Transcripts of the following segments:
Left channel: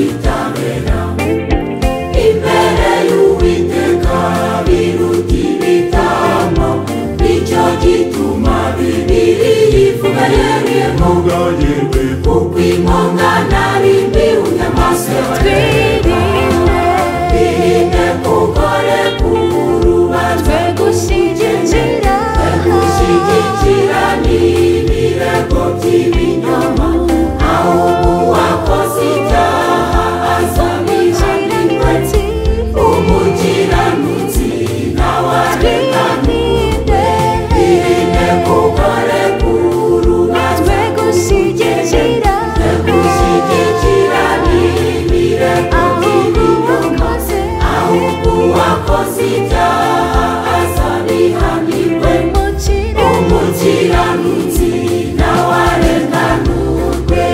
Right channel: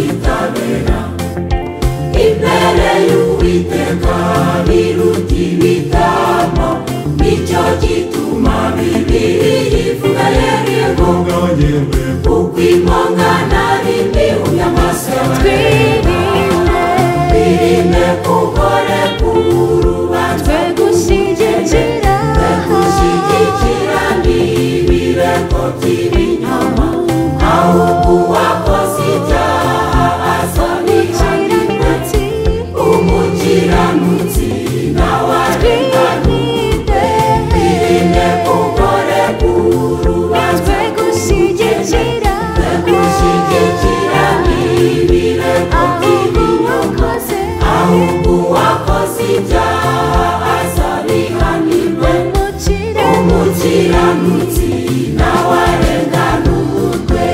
zitabera imbere y'Uwiteka biruta ibitamo nicyo gituma Bibiliya ivuga Yeriko kuko impongano ari mbi amaso twirinde kugore kurubanza twe gushyigikira n'ibirego by'ibinyoma ahubwo uwakoze ibyaha azabihanirwe umukiranutsi nawe arenganurwe twirinde kugore kurubanza twe gushyigikira n'ibirego by'ibinyoma ahubwo uwakoze ibyaha azabihanirwe umukiranutsi nawe arenganurwe.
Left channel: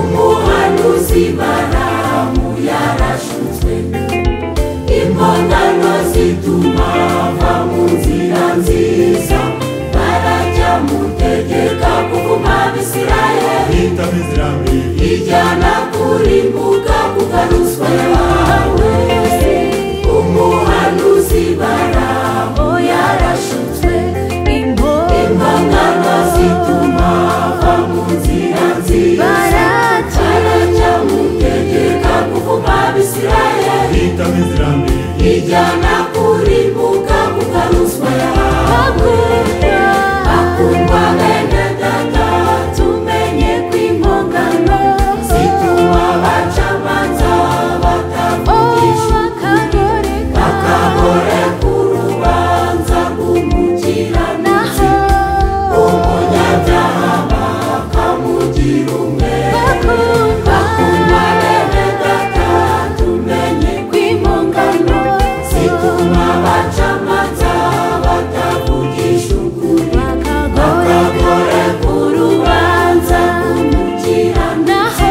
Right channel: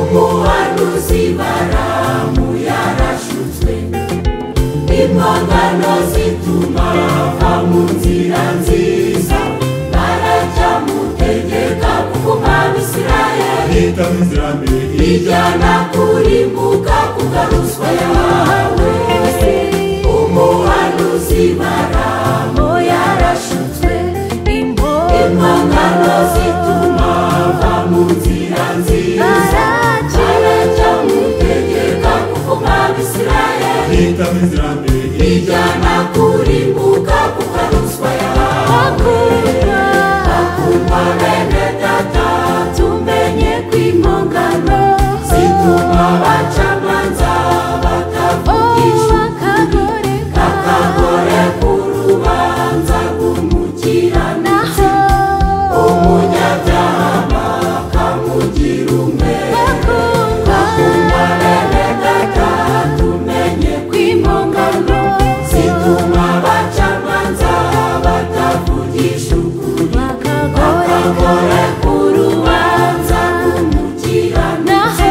Umuhanuzi Balamu yarashutswe impongano zituma ava mu nzira nziza baracyamutegeka kuguma Abisirayeli ijyana kurimbuka kuva ruswa yahawe umuhanuzi Balamu yarashutswe impongano zituma ava mu nzira nziza baracyamutegeka kuguma Abisirayeli ijyana kurimbuka kuva ruswa yahawe bakundwa bene data tumenye ko impongano zituma abacamanza batavugisha bakagoreka urubanza rw'umukiranutsi umunyabyaha bakamugira umwere bakundwa bene data tumenye ko impongano zituma abacamanza batavugisha ukuri bakagoreka urubanza rw'umukiranutsi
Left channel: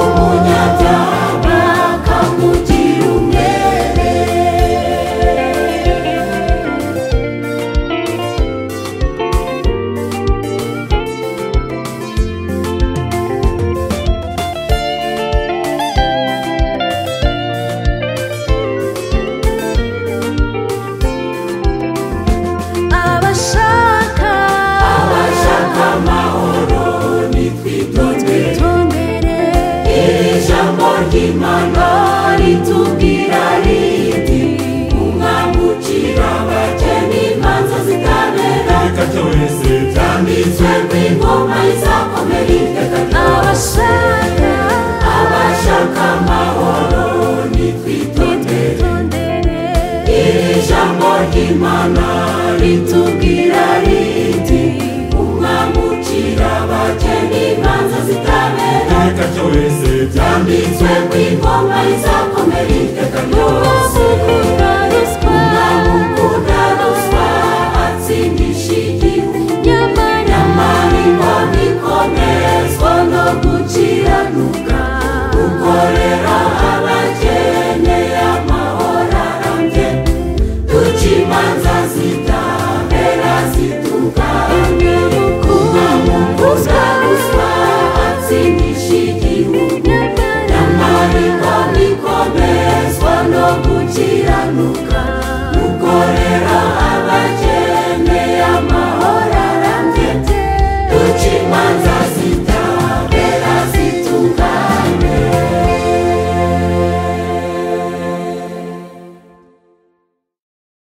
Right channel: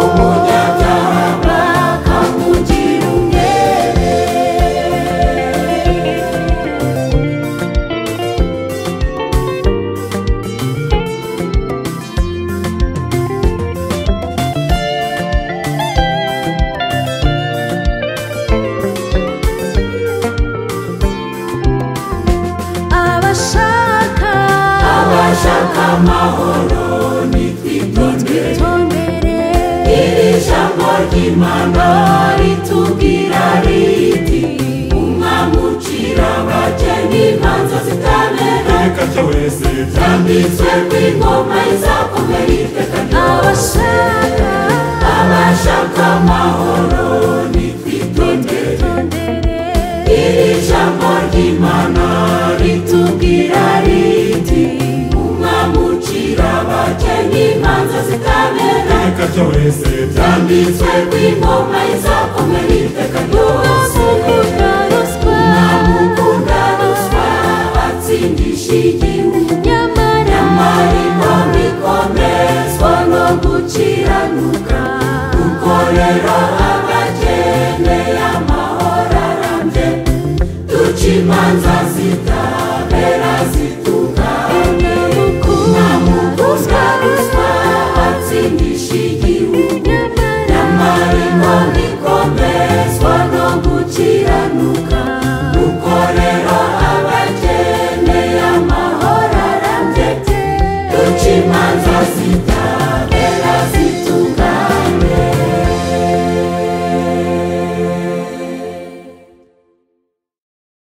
umunyabyaha bakamugira umwere. abashaka amahoro nitwitondere iri jambo ry'Imana ritubwira riti umwami ucira abakene imanza zitabera byanditswe rw'ingoma izakomera iteka ryose abashaka amahoro nitwitondere iri jambo ry'Imana ritubwira